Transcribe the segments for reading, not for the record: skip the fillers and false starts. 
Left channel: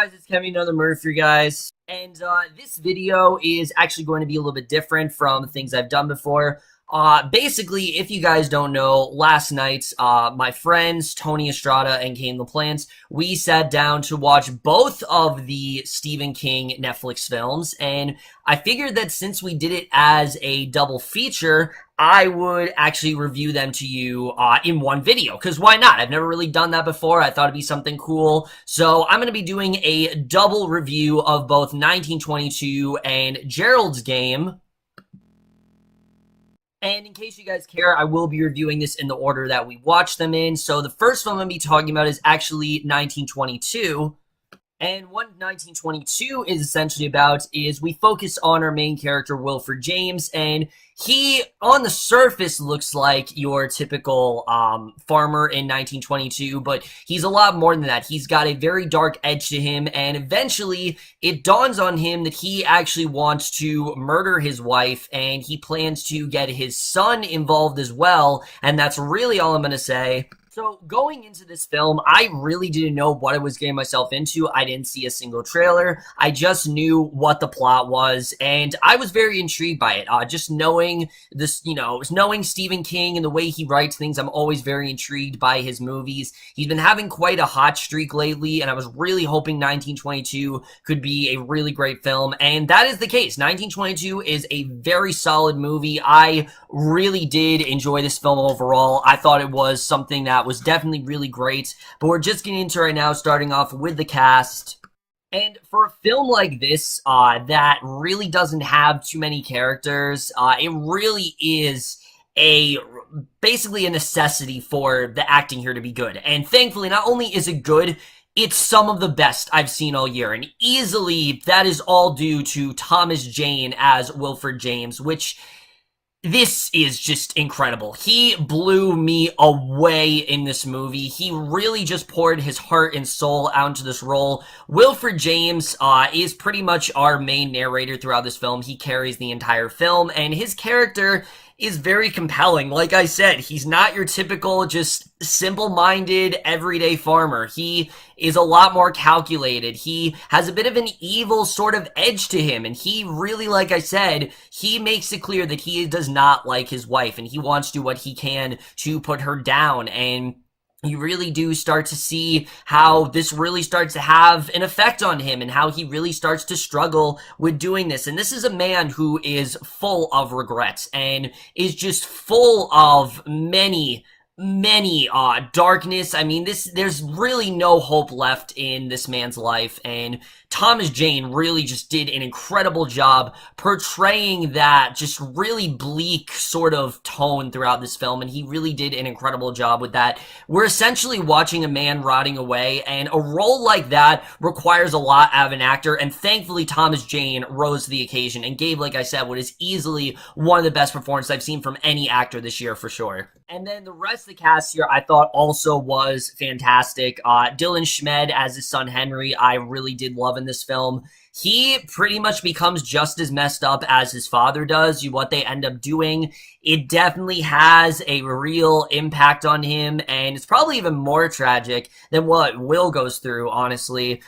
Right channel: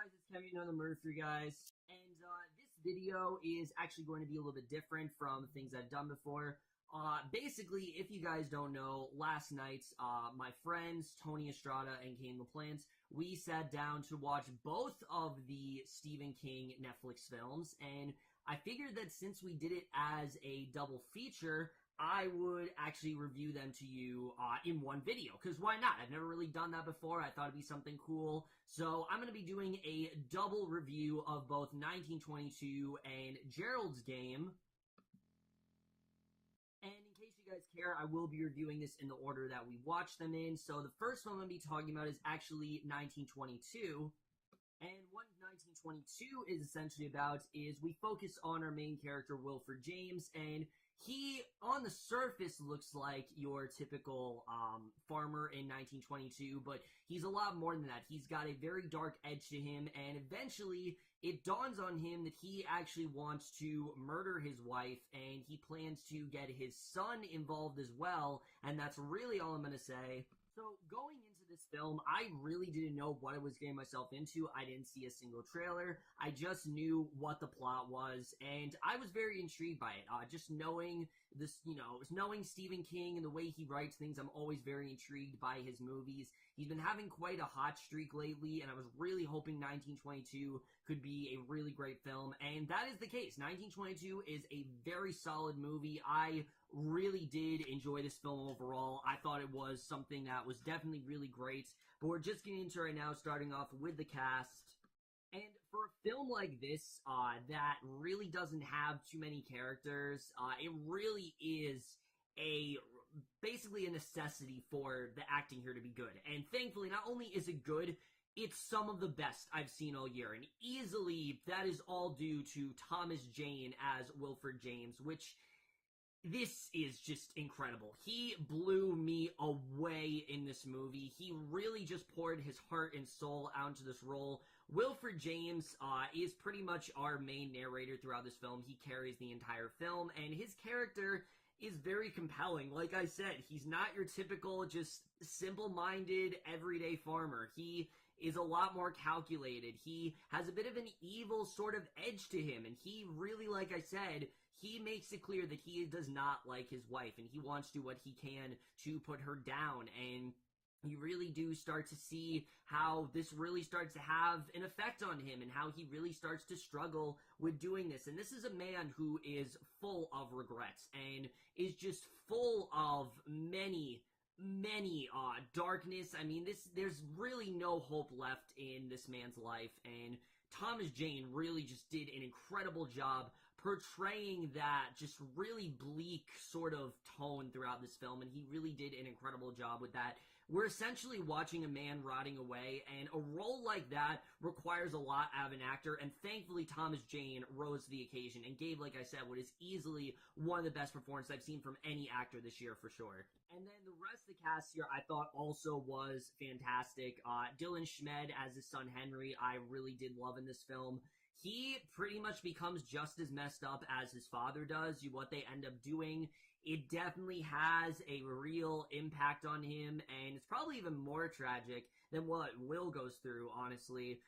guys, it's Kevin, another murder for you guys. And this video is actually going to be a little bit different from things I've done before. Basically, if you guys don't know, last night, my friends, Tony Estrada and Kane LaPlante, we sat down to watch both of the Stephen King Netflix films, and I figured that since we did it as a double feature, I would actually review them to you in one video, because why not? I've never really done that before. I thought it'd be something cool. So I'm going to be doing a double review of both 1922 and Gerald's Game. And in case you guys care, I will be reviewing this in the order that we watched them in. So the first film I'm going to be talking about is actually 1922. And what 1922 is essentially about is we focus on our main character, Wilford James, and he, on the surface, looks like your typical farmer in 1922, but he's a lot more than that. He's got a very dark edge to him, and eventually it dawns on him that he actually wants to murder his wife, and he plans to get his son involved as well, and that's really all I'm going to say. So going into this film, I really didn't know what I was getting myself into. I didn't see a single trailer. I just knew what the plot was, and I was very intrigued by it. Just knowing this, knowing Stephen King and the way he writes things, I'm always very intrigued by his movies. He's been having quite a hot streak lately, and I was really hoping 1922 could be a really great film, and that is the case. 1922 is a very solid movie. I really did enjoy this film overall. I thought it was something that was definitely really great, but we're just getting into it right now, starting off with the cast. And for a film like this, that really doesn't have too many characters, it really is basically a necessity for the acting here to be good. And thankfully, not only is it good, it's some of the best I've seen all year, and easily that is all due to Thomas Jane as Wilford James, which this is just incredible. He blew me away in this movie. He really just poured his heart and soul out into this role. Wilford James is pretty much our main narrator throughout this film. He carries the entire film, and his character is very compelling. Like I said, he's not your typical just simple-minded everyday farmer. He is a lot more calculated. He has a bit of an evil sort of edge to him, and he really, like I said, he makes it clear that he does not like his wife, and he wants to do what he can to put her down, and you really do start to see how this really starts to have an effect on him and how he really starts to struggle with doing this. And this is a man who is full of regrets and is just full of many darkness. I mean, there's really no hope left in this man's life, and Thomas Jane really just did an incredible job portraying that just really bleak sort of tone throughout this film, and he really did an incredible job with that. We're essentially watching a man rotting away, and a role like that requires a lot out of an actor, and thankfully Thomas Jane rose to the occasion and gave, like I said, what is easily one of the best performances I've seen from any actor this year for sure. And then the rest of the cast here I thought also was fantastic. Dylan Schmid as his son Henry, I really did love in this film. He pretty much becomes just as messed up as his father does. What they end up doing, it definitely has a real impact on him, and it's probably even more tragic than what Will goes through, honestly.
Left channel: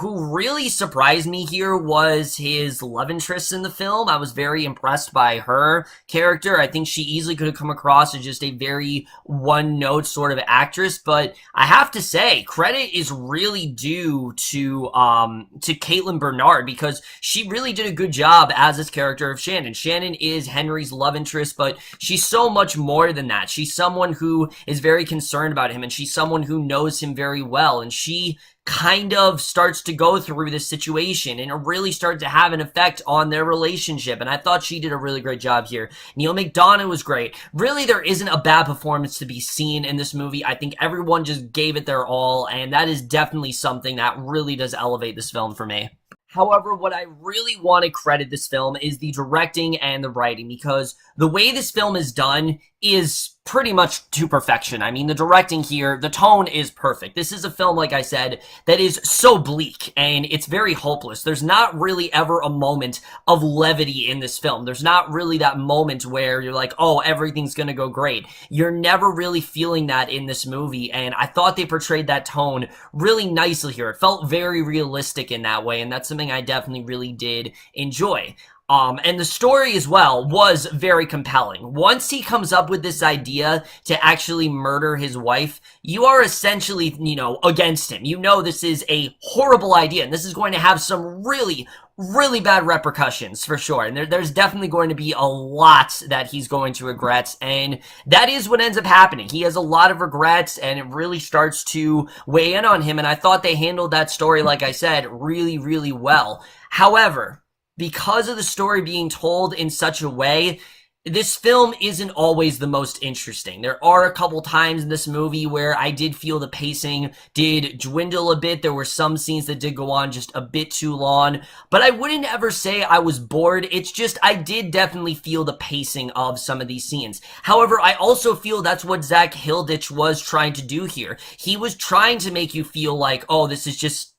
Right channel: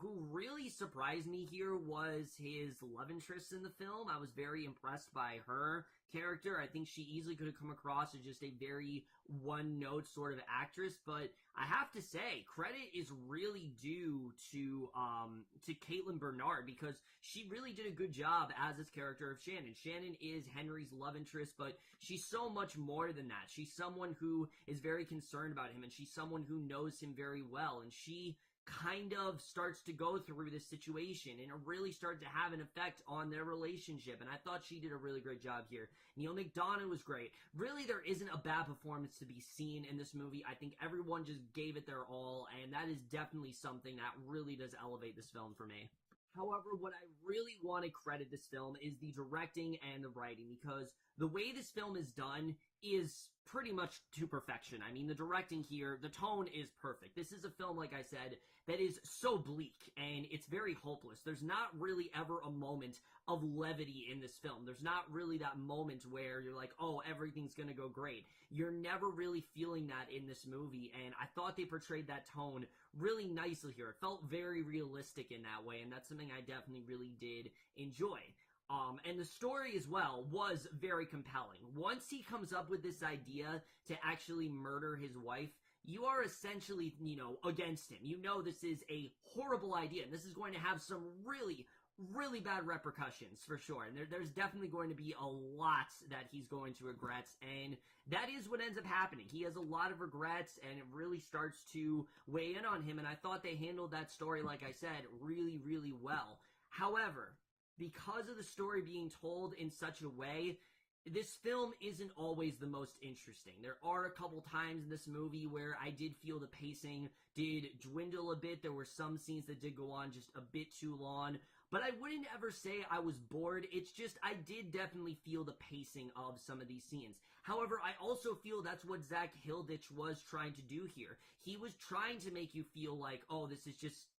Who really surprised me here was his love interest in the film. I was very impressed by her character. I think she easily could have come across as just a very one-note sort of actress, but I have to say, credit is really due to Kaitlyn Bernard, because she really did a good job as this character of Shannon. Shannon is Henry's love interest, but she's so much more than that. She's someone who is very concerned about him, and she's someone who knows him very well, and she kind of starts to go through this situation, and it really starts to have an effect on their relationship, and I thought she did a really great job here. Neal McDonough was great. Really, there isn't a bad performance to be seen in this movie. I think everyone just gave it their all, and that is definitely something that really does elevate this film for me. However, what I really want to credit this film is the directing and the writing, because the way this film is done is pretty much to perfection. I mean, the directing here, the tone is perfect. This is a film, like I said, that is so bleak, and it's very hopeless. There's not really ever a moment of levity in this film. There's not really that moment where you're like, oh, everything's gonna go great. You're never really feeling that in this movie, and I thought they portrayed that tone really nicely here. It felt very realistic in that way, and that's something I definitely really did enjoy. And the story as well was very compelling. Once he comes up with this idea to actually murder his wife, you are essentially, against him. You know this is a horrible idea, and this is going to have some really, really bad repercussions for sure. And there's definitely going to be a lot that he's going to regret, and that is what ends up happening. He has a lot of regrets, and it really starts to weigh in on him, and I thought they handled that story, like I said, really, really well. However, because of the story being told in such a way, this film isn't always the most interesting. There are a couple times in this movie where I did feel the pacing did dwindle a bit. There were some scenes that did go on just a bit too long, but I wouldn't ever say I was bored. It's just I did definitely feel the pacing of some of these scenes. However, I also feel that's what Zak Hilditch was trying to do here. He was trying to make you feel like, oh, this is just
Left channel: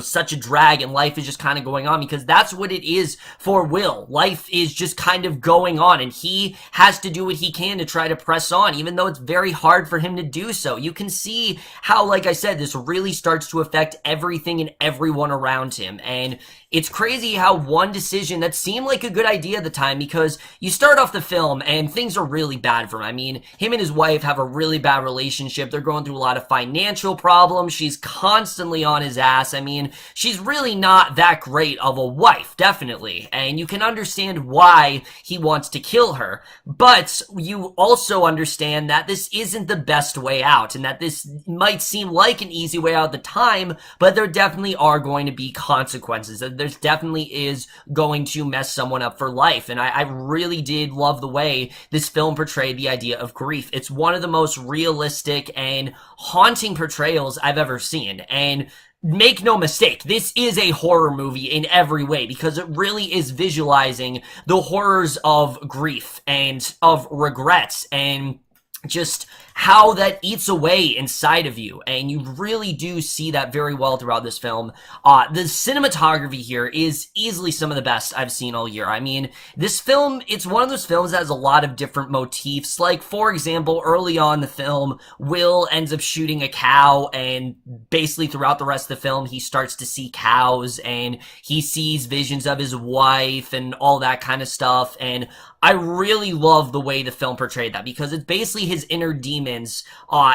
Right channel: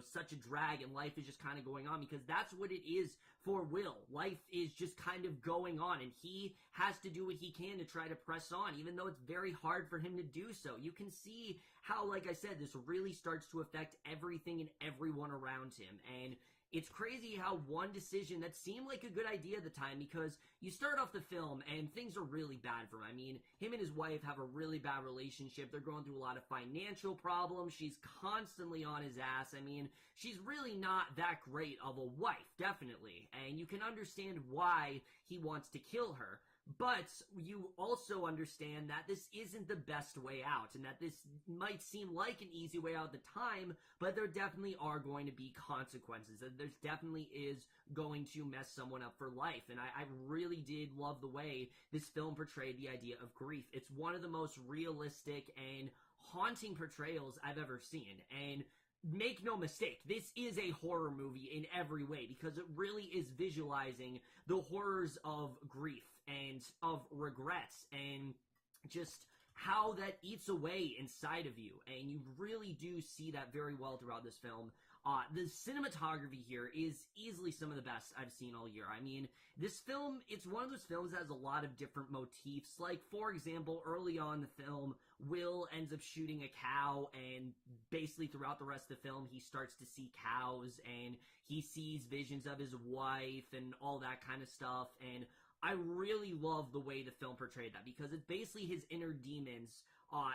such a drag and life is just kind of going on, because that's what it is for Will. Life is just kind of going on, and he has to do what he can to try to press on, even though it's very hard for him to do so. You can see how, like I said, this really starts to affect everything and everyone around him, and it's crazy how one decision that seemed like a good idea at the time, because you start off the film and things are really bad for him. I mean, him and his wife have a really bad relationship. They're going through a lot of financial problems. She's constantly on his ass. I mean, she's really not that great of a wife, definitely. And you can understand why he wants to kill her. But you also understand that this isn't the best way out, and that this might seem like an easy way out at the time, but there definitely are going to be consequences. There's definitely is going to mess someone up for life. And I really did love the way this film portrayed the idea of grief. It's one of the most realistic and haunting portrayals I've ever seen. And make no mistake, this is a horror movie in every way, because it really is visualizing the horrors of grief and of regrets and just how that eats away inside of you, and you really do see that very well throughout this film. The cinematography here is easily some of the best I've seen all year. I mean, this film, it's one of those films that has a lot of different motifs. Like, for example, early on in the film, Will ends up shooting a cow, and basically throughout the rest of the film, he starts to see cows, and he sees visions of his wife and all that kind of stuff, and I really love the way the film portrayed that, because it's basically his inner demons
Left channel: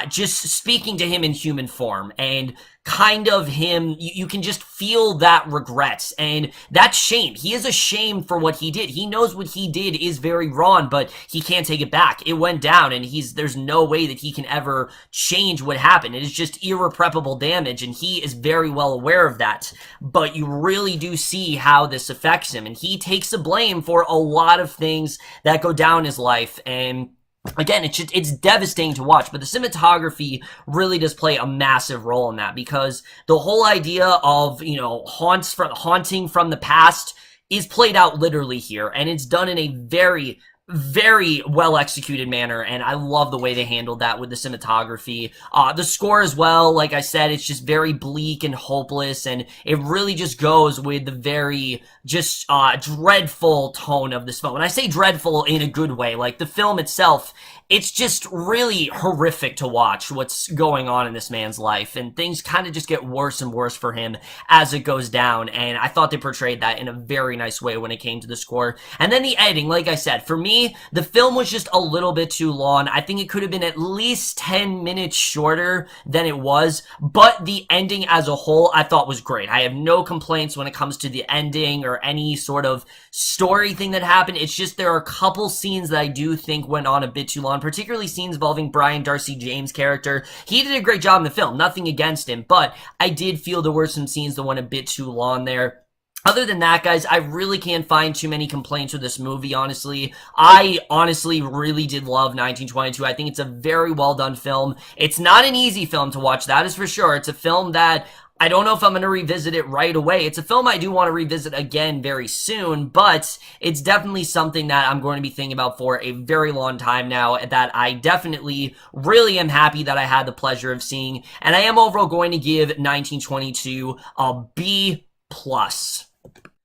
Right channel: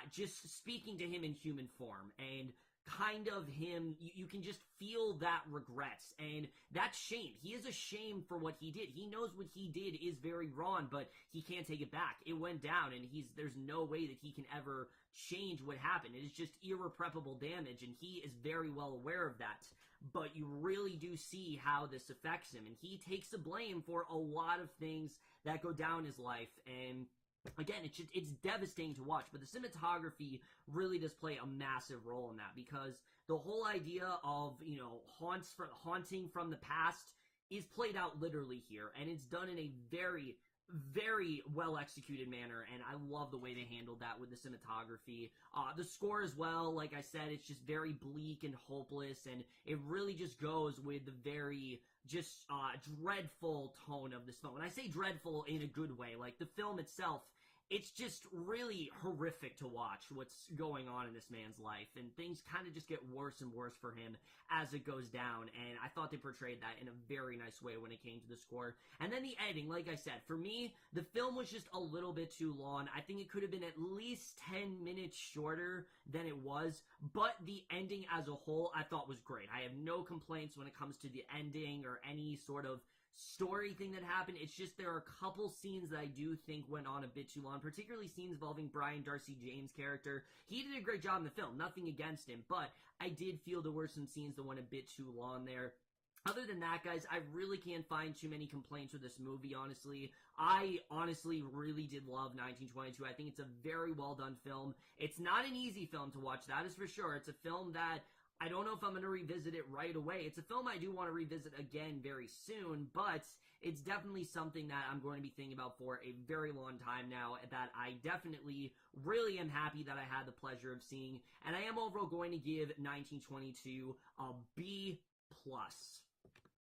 just speaking to him in human form, and kind of him, you can just feel that regret and that shame. He is ashamed for what he did. He knows what he did is very wrong, but he can't take it back. It went down, and there's no way that he can ever change what happened. It is just irreparable damage, and he is very well aware of that. But you really do see how this affects him, and he takes the blame for a lot of things that go down in his life. And again, it's devastating to watch, but the cinematography really does play a massive role in that, because the whole idea of, haunting from the past is played out literally here, and it's done in a very, very well executed manner, and I love the way they handled that with the cinematography. The score as well, like I said, it's just very bleak and hopeless, and it really just goes with the very just dreadful tone of this film. And I say dreadful in a good way. Like, the film itself, it's just really horrific to watch what's going on in this man's life, and things kind of just get worse and worse for him as it goes down, and I thought they portrayed that in a very nice way when it came to the score. And then the editing, like I said, for me, the film was just a little bit too long. I think it could have been at least 10 minutes shorter than it was, but the ending as a whole I thought was great. I have no complaints when it comes to the ending or any sort of story thing that happened. It's just there are a couple scenes that I do think went on a bit too long, particularly scenes involving Brian Darcy James' character. He did a great job in the film, nothing against him, but I did feel there were some scenes that went a bit too long there. Other than that, guys, I really can't find too many complaints with this movie, honestly. I honestly really did love 1922. I think it's a very well done film. It's not an easy film to watch, that is for sure. It's a film that I don't know if I'm going to revisit it right away. It's a film I do want to revisit again very soon, but it's definitely something that I'm going to be thinking about for a very long time now, that I definitely really am happy that I had the pleasure of seeing, and I am overall going to give 1922 a B+.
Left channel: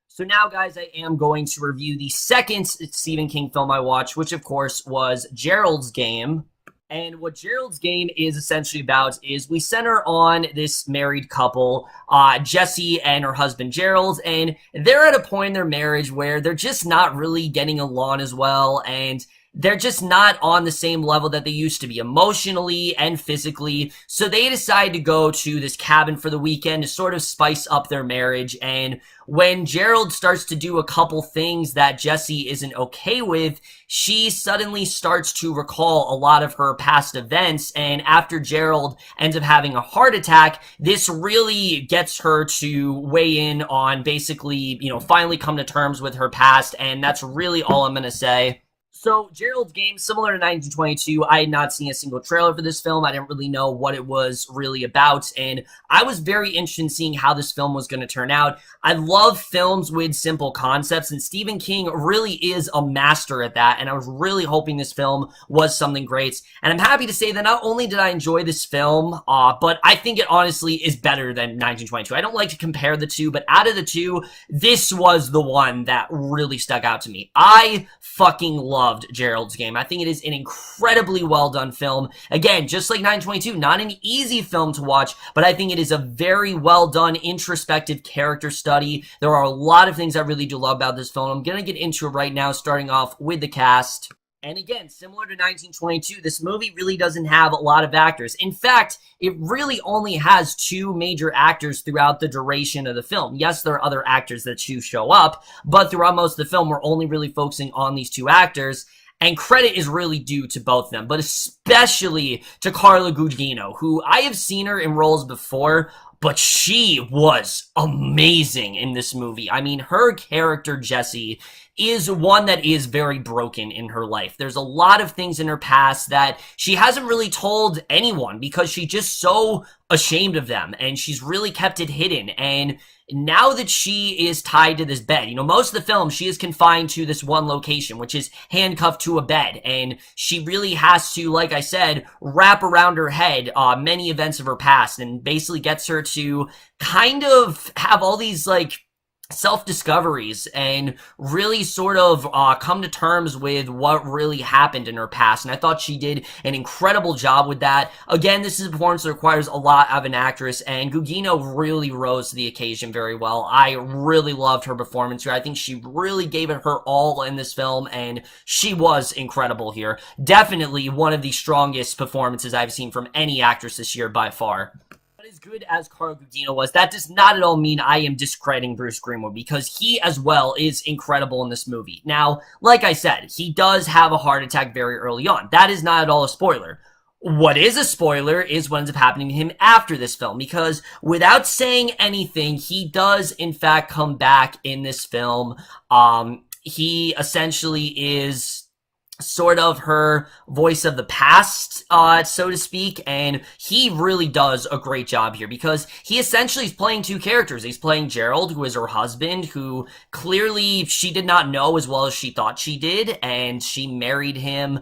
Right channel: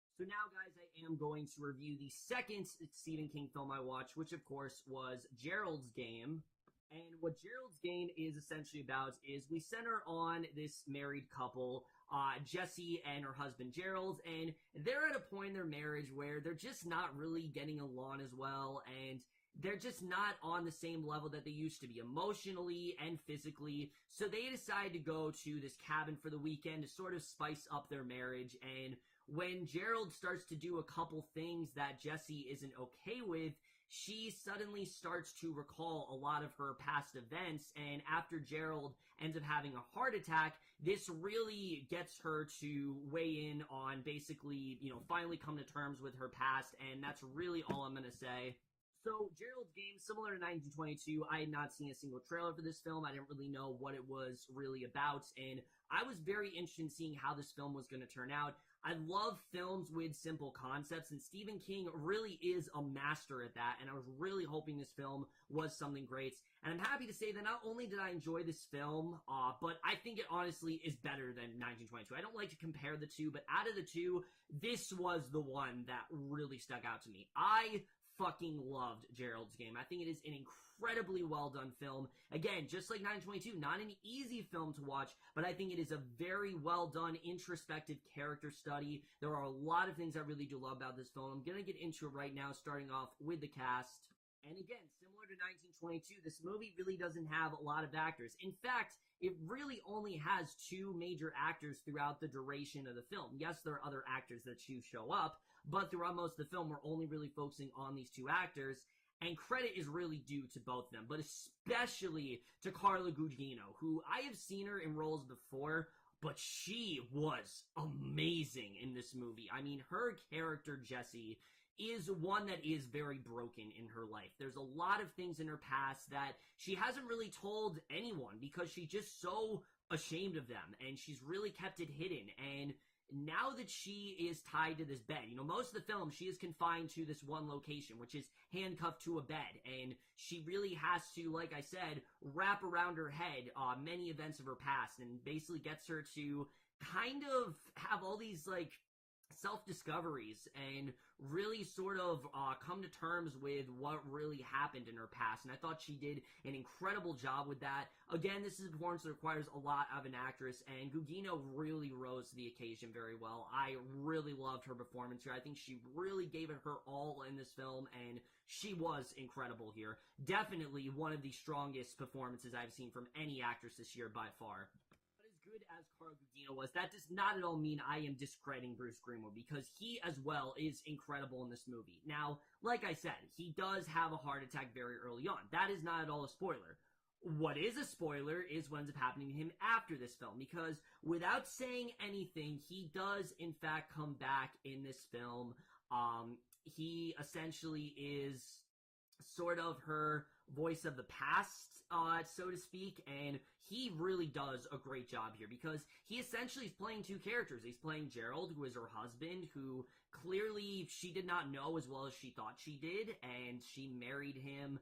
So now, guys, I am going to review the second Stephen King film I watched, which, of course, was Gerald's Game. And what Gerald's Game is essentially about is we center on this married couple, Jessie and her husband Gerald, and they're at a point in their marriage where they're just not really getting along as well, and they're just not on the same level that they used to be emotionally and physically. So they decide to go to this cabin for the weekend to sort of spice up their marriage. And when Gerald starts to do a couple things that Jessie isn't okay with, she suddenly starts to recall a lot of her past events. And after Gerald ends up having a heart attack, this really gets her to weigh in on basically, finally come to terms with her past. And that's really all I'm going to say. So, Gerald's Game, similar to 1922, I had not seen a single trailer for this film. I didn't really know what it was really about, and I was very interested in seeing how this film was going to turn out. I love films with simple concepts, and Stephen King really is a master at that, and I was really hoping this film was something great. And I'm happy to say that not only did I enjoy this film, but I think it honestly is better than 1922. I don't like to compare the two, but out of the two, this was the one that really stuck out to me. I fucking loved Gerald's Game. I think it is an incredibly well done film. Again, just like 922, not an easy film to watch, but I think it is a very well done introspective character study. There are a lot of things I really do love about this film. I'm gonna get into it right now, starting off with the cast. And again, similar to 1922, this movie really doesn't have a lot of actors. In fact, it really only has two major actors throughout the duration of the film. Yes, there are other actors that do show up, but throughout most of the film, we're only really focusing on these two actors. And credit is really due to both of them, but especially to Carla Guigino, who I have seen her in roles before, but she was amazing in this movie. I mean, her character, Jessie, is one that is very broken in her life. There's a lot of things in her past that she hasn't really told anyone because she's just so ashamed of them, and she's really kept it hidden. And now that she is tied to this bed, most of the film, she is confined to this one location, which is handcuffed to a bed. And she really has to, like I said, wrap around her head many events of her past, and basically gets her to kind of have all these, self-discoveries and really sort of come to terms with what really happened in her past. And I thought she did an incredible job with that. Again, this is a performance that requires a lot of an actress, and Guigino really rose to the occasion very well. I really loved her performance here. I think she really gave it her all in this film, and she was incredible here. Definitely one of the strongest performances I've seen from any actress this year by far. As good as Carla Guigino was, that does not at all mean I am discrediting Bruce Greenwood, because he as well is incredible in this movie. Now, like I said, he does have a heart attack very early on. That is not at all a spoiler. What is a spoiler is what ends up happening to him after this film, because without saying anything, he does in fact come back in this film. He essentially is sort of her voice of the past, so to speak, and he really does a great job here, because he essentially is playing two characters. He's playing Gerald, who is her husband, who clearly she did not know as well as she thought she did, and she married him.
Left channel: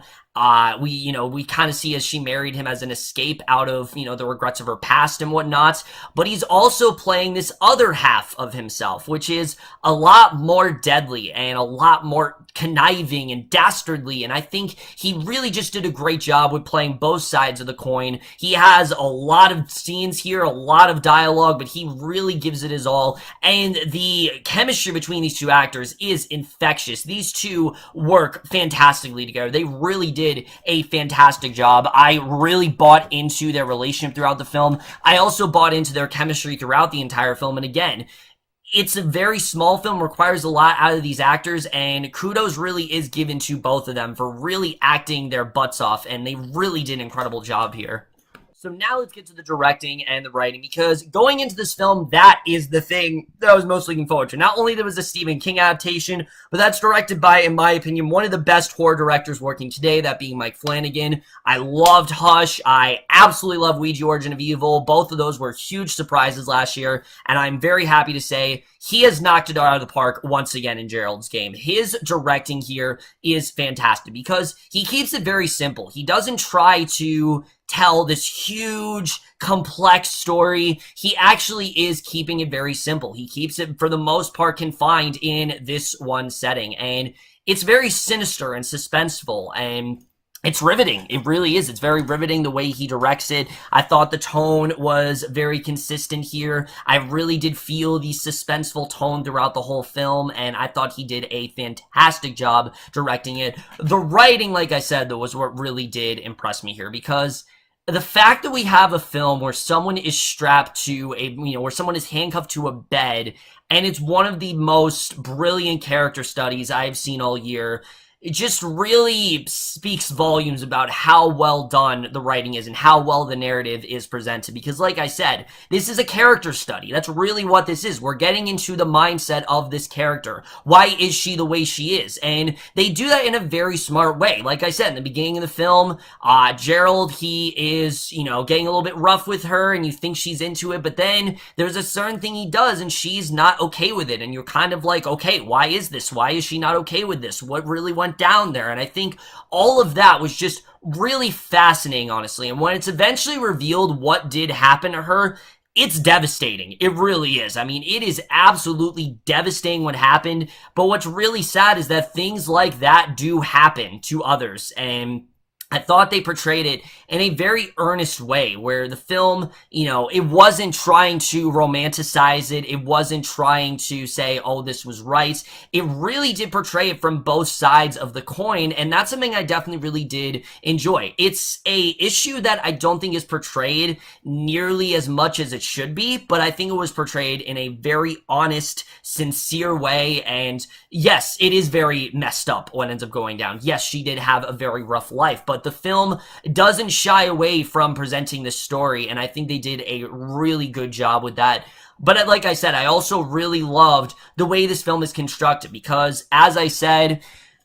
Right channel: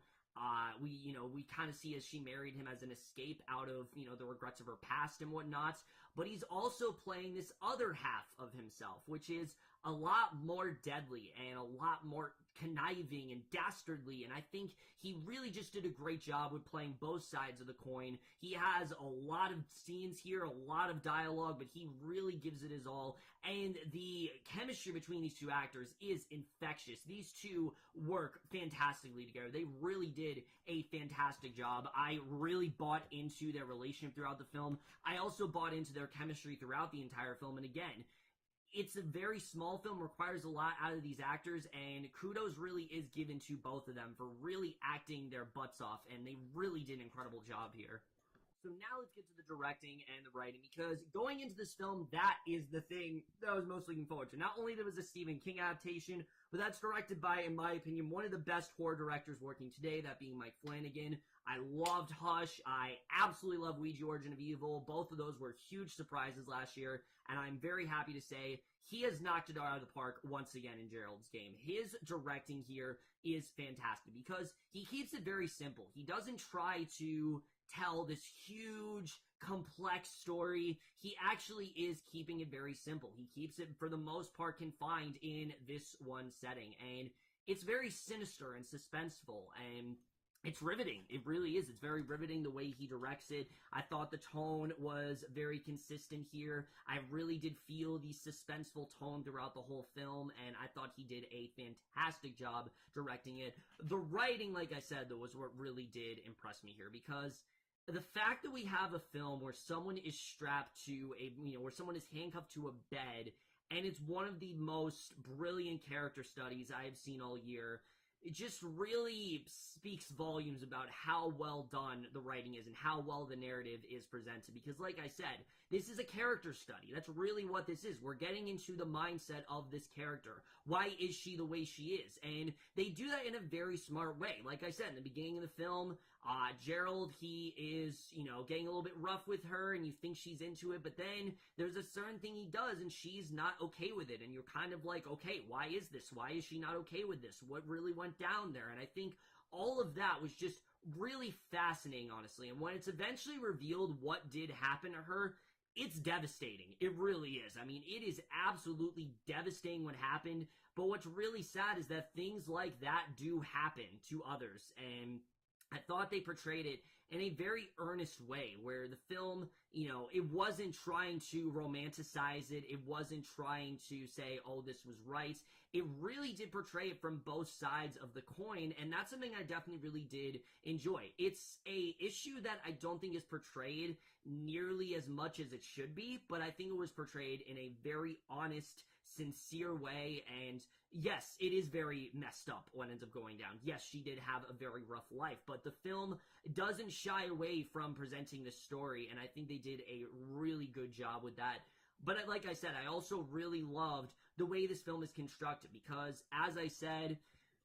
We kind of see as she married him as an escape out of, the regrets of her past and whatnot. But he's also playing this other half of himself, which is a lot more deadly and a lot more conniving and dastardly. And I think he really just did a great job with playing both sides of the coin. He has a lot of scenes here, a lot of dialogue, but he really gives it his all. And the chemistry between these two actors is infectious. These two work fantastically together. They really did a fantastic job. I really bought into their relationship throughout the film. I also bought into their chemistry throughout the entire film. And again, it's a very small film, requires a lot out of these actors, and kudos really is given to both of them for really acting their butts off, and they really did an incredible job here. So now let's get to the directing and the writing, because going into this film, that is the thing that I was most looking forward to. Not only there was a Stephen King adaptation, but that's directed by, in my opinion, one of the best horror directors working today, that being Mike Flanagan. I loved Hush. I absolutely love Ouija Origin of Evil. Both of those were huge surprises last year, and I'm very happy to say he has knocked it out of the park once again in Gerald's Game. His directing here is fantastic because he keeps it very simple. He doesn't try to tell this huge, complex story. He actually is keeping it very simple. He keeps it, for the most part, confined in this one setting. And it's very sinister and suspenseful, and it's riveting. It really is. It's very riveting the way he directs it. I thought the tone was very consistent here. I really did feel the suspenseful tone throughout the whole film, and I thought he did a fantastic job directing it. The writing, like I said, though, was what really did impress me here, because the fact that we have a film where someone is strapped to where someone is handcuffed to a bed, and it's one of the most brilliant character studies I've seen all year, it just really speaks volumes about how well done the writing is and how well the narrative is presented. Because like I said, this is a character study. That's really what this is. We're getting into the mindset of this character. Why is she the way she is? And they do that in a very smart way. Like I said, in the beginning of the film, Gerald, he is, getting a little bit rough with her, and you think she's into it, but then there's a certain thing he does, and she's not okay with it. And you're kind of like, okay, why is this? Why is she not okay with this? What really went down there? And I think all of that was just really fascinating, honestly. And when it's eventually revealed what did happen to her, it's devastating. It really is. I mean, it is absolutely devastating what happened. But what's really sad is that things like that do happen to others. And I thought they portrayed it in a very earnest way, where the film, it wasn't trying to romanticize it. It wasn't trying to say, oh, this was right. It really did portray it from both sides of the coin, and that's something I definitely really did enjoy. It's a issue that I don't think is portrayed nearly as much as it should be, but I think it was portrayed in a very honest, sincere way, and yes, it is very messed up what ends up going down. Yes, she did have a very rough life, but the film doesn't shy away from presenting this story, and I think they did a really good job with that. But like I said, I also really loved the way this film is constructed, because as I said,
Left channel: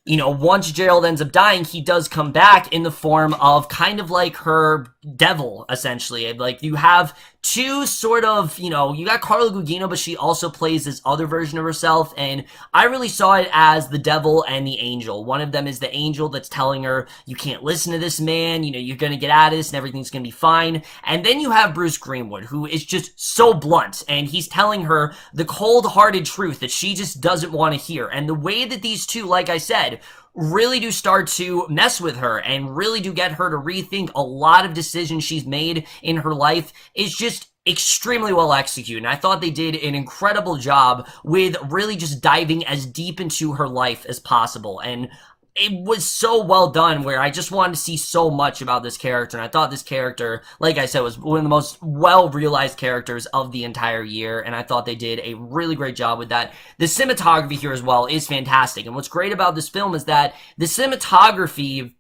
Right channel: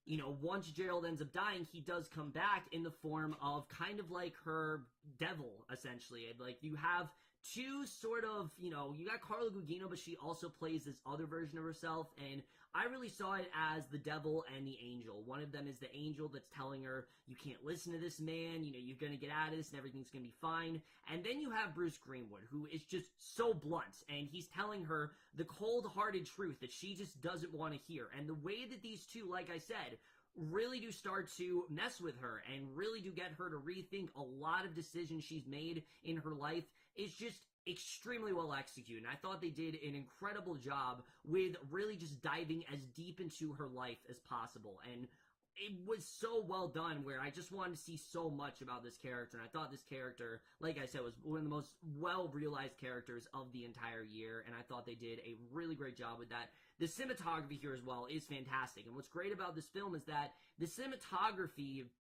once Gerald ends up dying, he does come back in the form of kind of like her devil, essentially. Like, you have two sort of, you got Carla Guigino, but she also plays this other version of herself, and I really saw it as the devil and the angel. One of them is the angel that's telling her, you can't listen to this man, you're gonna get out of this and everything's gonna be fine. And then you have Bruce Greenwood, who is just so blunt, and he's telling her the cold-hearted truth that she just doesn't want to hear. And the way that these two, like I said, really do start to mess with her and really do get her to rethink a lot of decisions she's made in her life is just extremely well executed. And I thought they did an incredible job with really just diving as deep into her life as possible. And it was so well done, where I just wanted to see so much about this character, and I thought this character, like I said, was one of the most well-realized characters of the entire year, and I thought they did a really great job with that. The cinematography here as well is fantastic, and what's great about this film is that the cinematography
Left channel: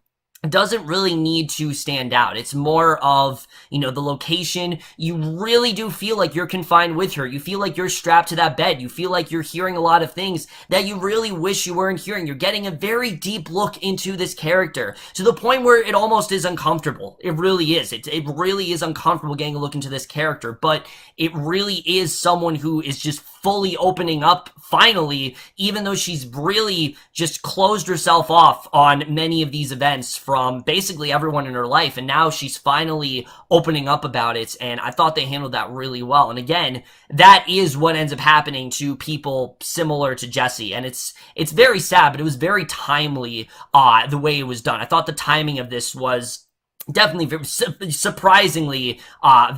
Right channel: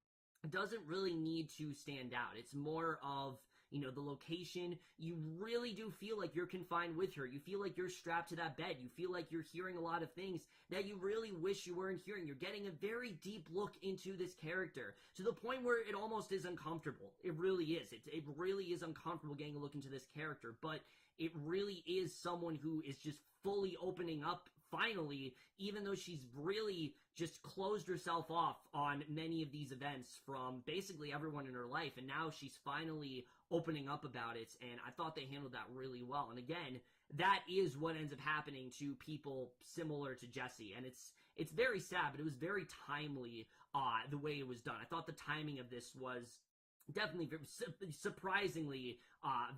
doesn't really need to stand out. It's more of, the location. You really do feel like you're confined with her. You feel like you're strapped to that bed. You feel like you're hearing a lot of things that you really wish you weren't hearing. You're getting a very deep look into this character, to the point where it almost is uncomfortable. It really is. It really is uncomfortable getting a look into this character, but it really is someone who is just fully opening up finally, even though she's really just closed herself off on many of these events from basically everyone in her life, and now she's finally opening up about it, and I thought they handled that really well. And again, that is what ends up happening to people similar to Jesse, and it's very sad, but it was very timely the way it was done. I thought the timing of this was definitely surprisingly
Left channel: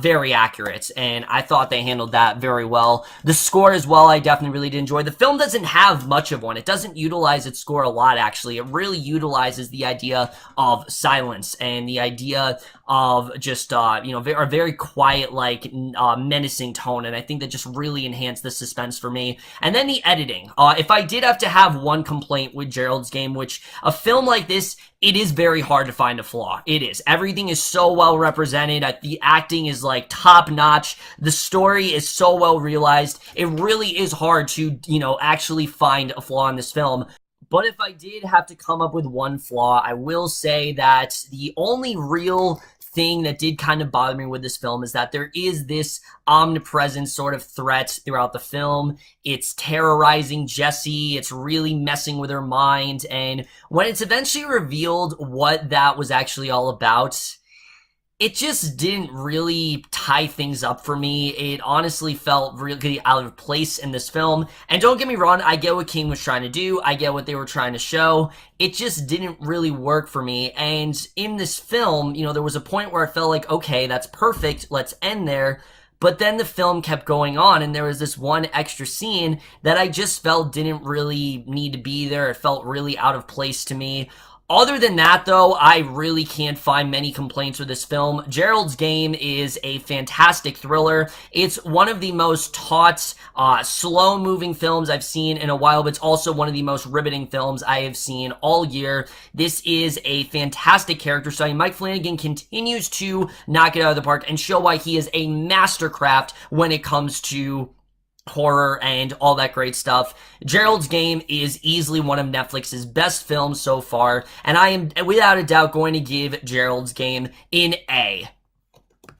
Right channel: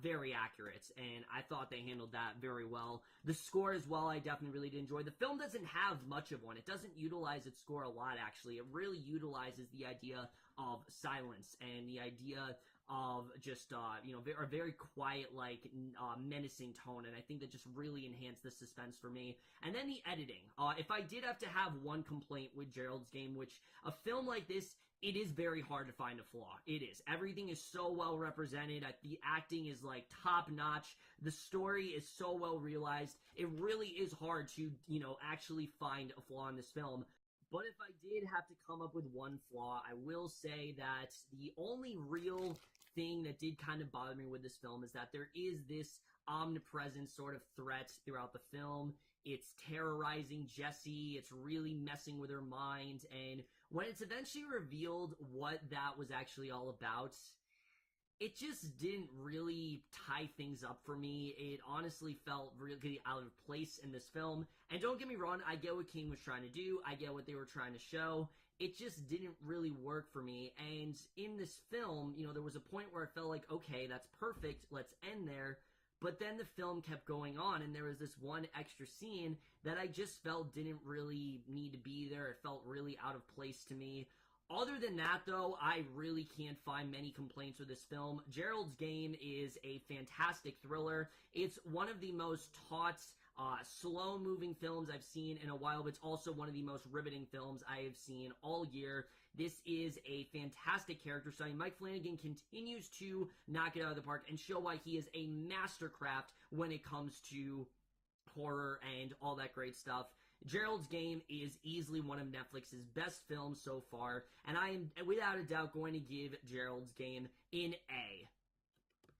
very accurate, and I thought they handled that very well. The score as well, I definitely really did enjoy. The film doesn't have much of one. It doesn't utilize its score a lot, actually. It really utilizes the idea of silence and the idea of just a very quiet, like menacing tone, and I think that just really enhanced the suspense for me. And then the editing. If I did have to have one complaint with Gerald's Game, which a film like this, it is very hard to find a flaw. It is. Everything is so well represented. The acting is like top notch. The story is so well realized. It really is hard to, actually find a flaw in this film. But if I did have to come up with one flaw, I will say that the only real thing that did kind of bother me with this film is that there is this omnipresent sort of threat throughout the film. It's terrorizing Jessie. It's really messing with her mind. And when it's eventually revealed what that was actually all about, it just didn't really tie things up for me. It honestly felt really out of place in this film. And don't get me wrong, I get what King was trying to do. I get what they were trying to show. It just didn't really work for me. And in this film, there was a point where I felt like, okay, that's perfect. Let's end there. But then the film kept going on, and there was this one extra scene that I just felt didn't really need to be there. It felt really out of place to me. Other than that, though, I really can't find many complaints with this film. Gerald's Game is a fantastic thriller. It's one of the most taut, slow-moving films I've seen in a while, but it's also one of the most riveting films I have seen all year. This is a fantastic character study. Mike Flanagan continues to knock it out of the park and show why he is a mastercraft when it comes to horror and all that great stuff. Gerald's Game is easily one of Netflix's best films so far, and I am without a doubt going to give Gerald's Game an A.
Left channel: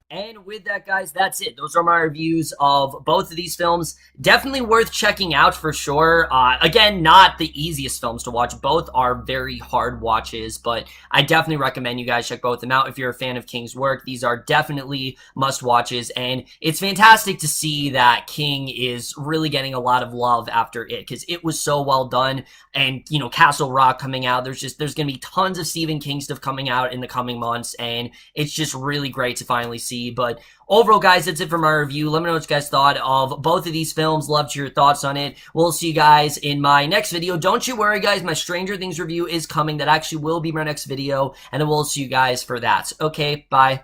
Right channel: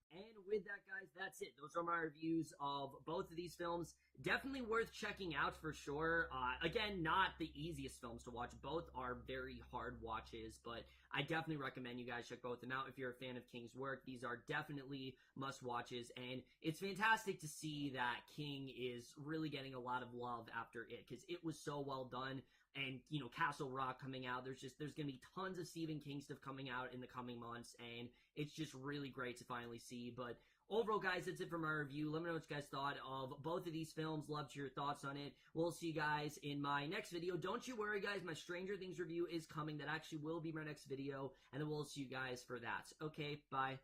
And with that, guys, that's it. Those are my reviews of both of these films. Definitely worth checking out for sure. Again, not the easiest films to watch. Both are very hard watches, but I definitely recommend you guys check both of them out if you're a fan of King's work. These are definitely must-watches, and it's fantastic to see that King is really getting a lot of love after it, because it was so well done. And, Castle Rock coming out, there's going to be tons of Stephen King stuff coming out in the coming months, and it's just really great to finally see. But overall, guys, that's it for my review. Let me know what you guys thought of both of these films. Love to hear your thoughts on it. We'll see you guys in my next video. Don't you worry, guys. My Stranger Things review is coming. That actually will be my next video, and then we'll see you guys for that. Okay, bye.